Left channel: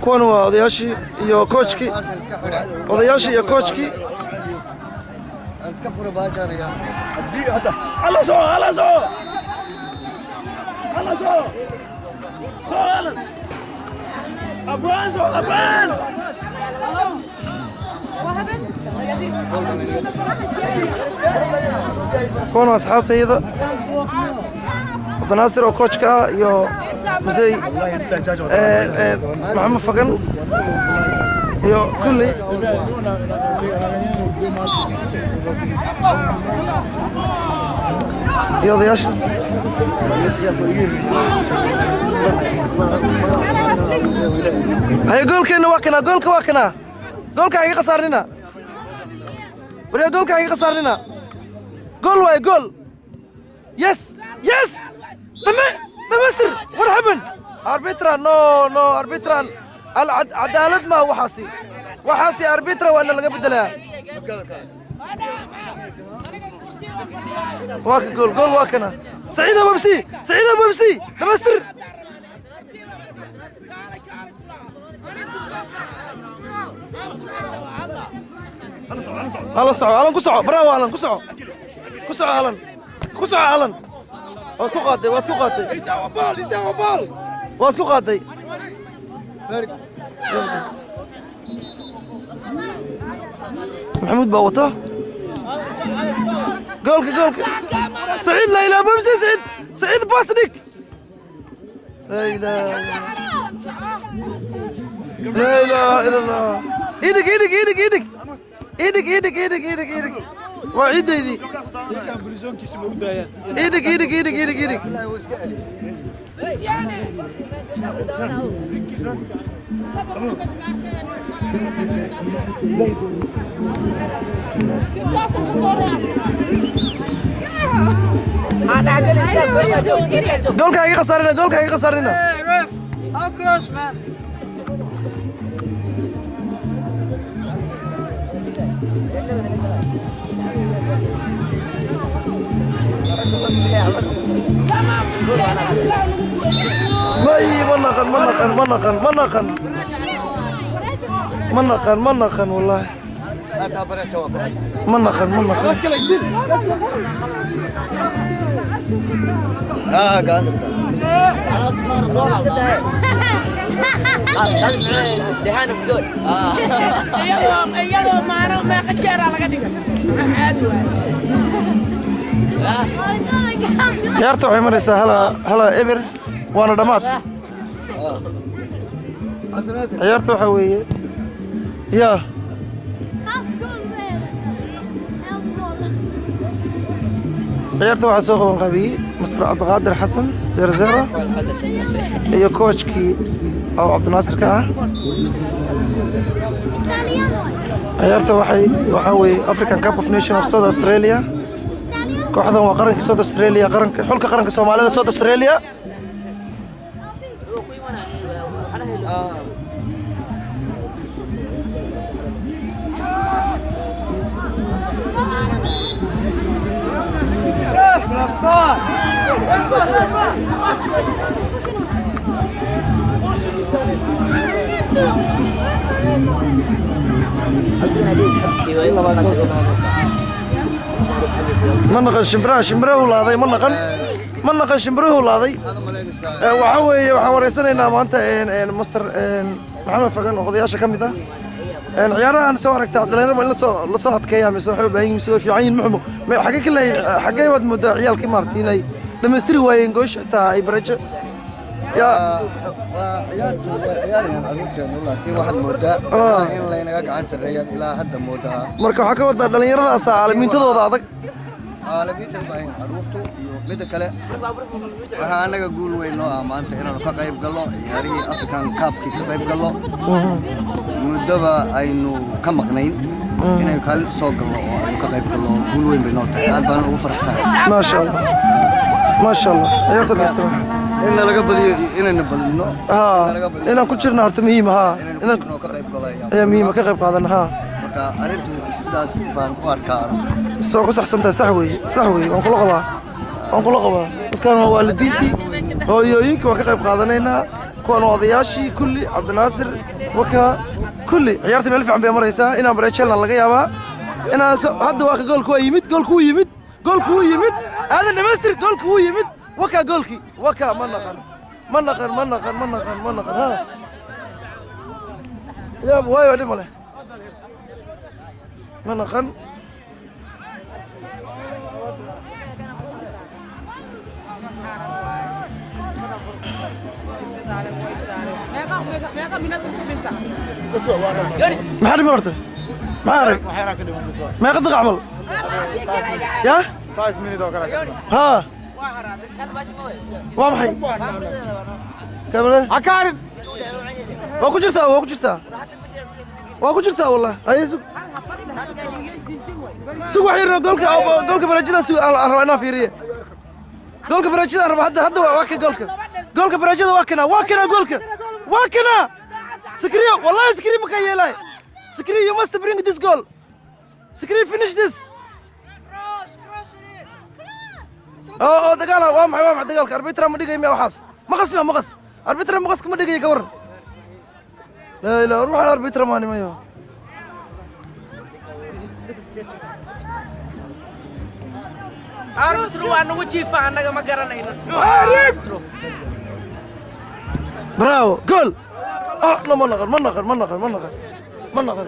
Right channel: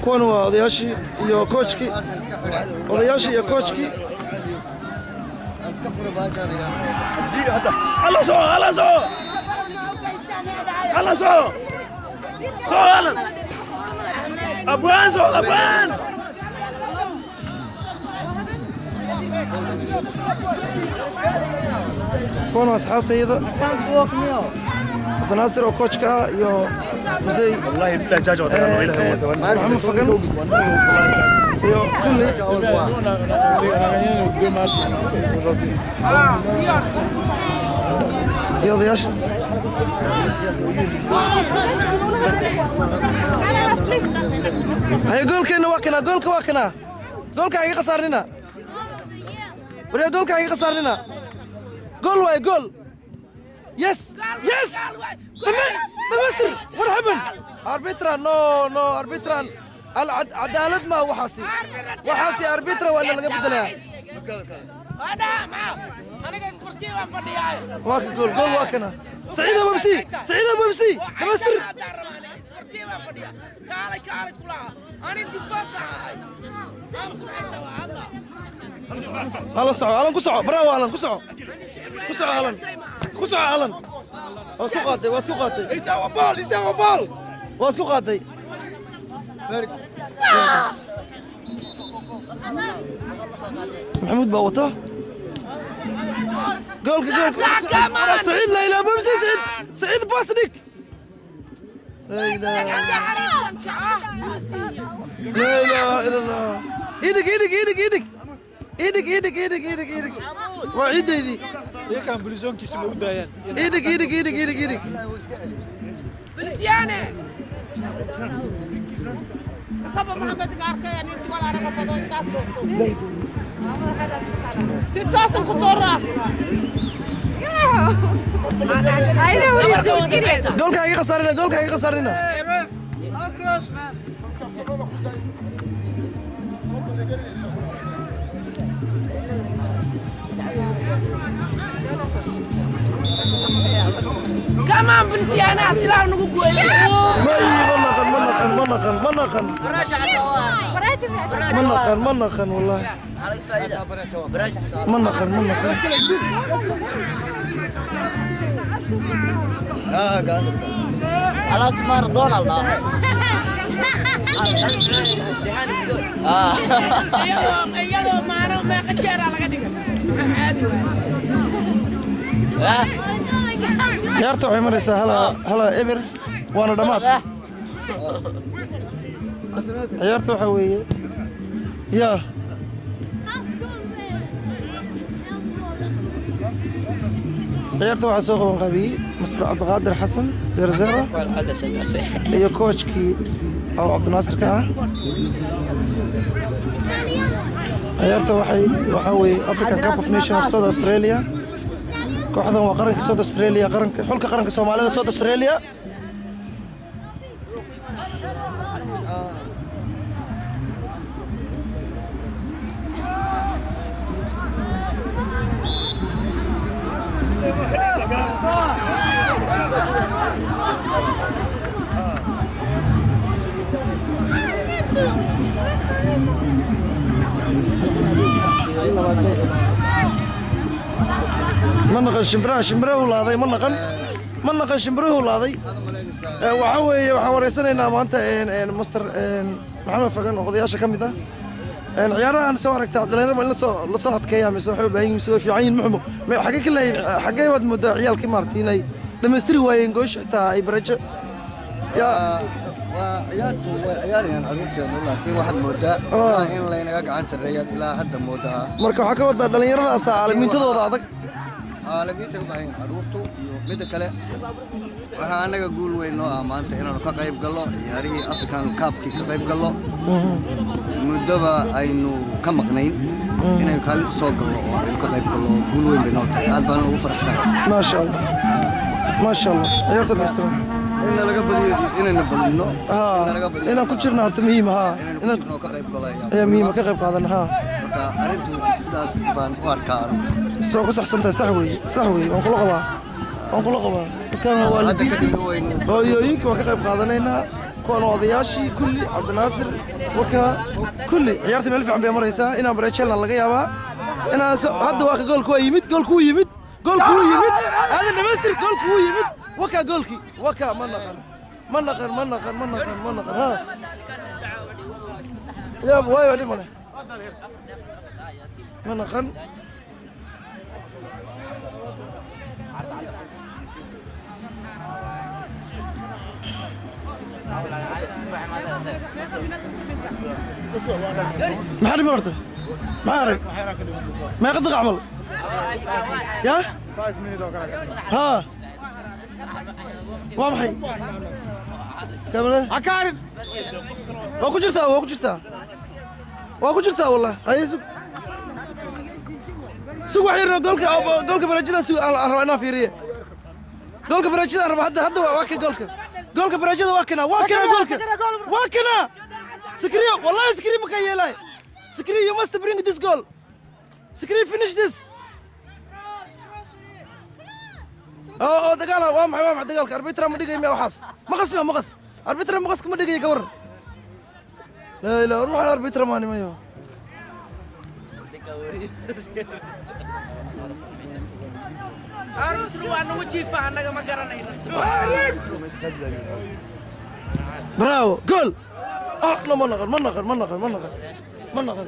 kuwan waa odayaashii iyo coachkii odayaashii iyo coachkii kuwan waa asxaabtayda Abdinaasir oo coachka ah iyo Musey maxamed fagan iyo kulli iyo odayaasha هاي جول كنا واكنا جول كواكنا جول كاي خسرنا ولا جول كاي خسرنا جول واي جول يس يس دمستر what happened arbitra no arbitra العدالة ما وحاسي arbitra ولا لقى بدلها واك جول واكنا سعيد ابو بمسي دمستر هلا صعو ألان كسعو براو ألان كسعو ألان واتكو قاتي يساوي بال واتكو قاتي محمود باوته جولك سعيد لا إله بمسي سعيد باسنك لا إله إلا الله إيدك وعيد ذي كان بلزون كيسمو دايان إيدك بلزيانة جولك هاي خسرنا كمان بلزيانة سلاح نقول منقن والله منقن قاعد على تمر دون الله دهان بدون يلو ما قجر على قدك عادي ciyaarta waxay maraysaa hala eber waana dhamaad ciyaarta waxa weeye yaa ciyaarta waxaa soo qaban qaabiyey Mr. Cabdiqaadir Xasan 0-0 iyo coachkii oo Cabdinaasir ka ah ciyaarta waxa weeye African Cup of Nations of South Australia kooxdan waa qaranka South Australia xulka qaranka Soomaalida South Australia منقن شمبره ولaaday منقن شمبره ولaaday waxa weeye waxaan wareysanaynaa maanta master maxamed fagan oo odayaasha kamid ah ciyaarahan soo aragtaa dhalinyarada in la soo adkeeyaa mise waxa u baahan yihiin soo fiican muxuu xagee ka leeyahay xagee wad muddo ciyaalkii maartiinay dhameystiri waayeen goosh xitaa ay barajo عيارين أقولتهم لكن واحد مودة إن لا ينقع عن سريات إلى حد مودة marka waxa ka wada dhalinyaradaas aalamiintooda adag aalamiinta baahin aruurtu iyo mid kale waxa anaga guul weyn noo amaanta inaan ka qayb galno ciyaarihii African Cup-ki ka qayb galno mudaba aynu ka maqnayn inay kala soo galno oo aynu ka qayb galno guul weyn bay noo tahay aad baan ugu faraxsanahay ما شاء الله ciyaarta dhaysto إن laga badiyo inayna balino inaan ku jirno horta muhiim inaan ka qayb galay muhiim ka qayb qaadan marka arintu sidaas baan u arkaa soo ku saxsantahay sax weey waan kula qabaa dadkan waalidiintii hooyooyinka waan ka qayb qaadanaynaa كون وضياشي كلي عبد الناصر وكا كلي عيارتي ملف عم بيمريسا إنا بريتشلنا لقى يابا إنا هذا واقع جول كوي يمد جول كوي يمد جول كوي يمد هذا النمستر جول كوي يمد وكا جولكي وكا منقر ها يا بواي ودي ماله منقر ما حد مرته ما أعرف ما يقدر عمل يا 5 minutes ها وامحي كمله عكارب واكو جرتا والله هاي سوق وحيرنا جولك برجدا سوق انا فيريه جولك برجدا هذا جولك برجدا واكنا سكريو والله سكريو مكيلاي سكريو you must bring this goal سكريو finish this دقالة وامحي دقالك أربيترا ما دقي 100 وحاس مقص أربيترا مقص كم دقي كور لا روح على أربيترا ماني ما يو أربيترو أنا وجهي فانا ما قرنينا براو جول لا ما نغر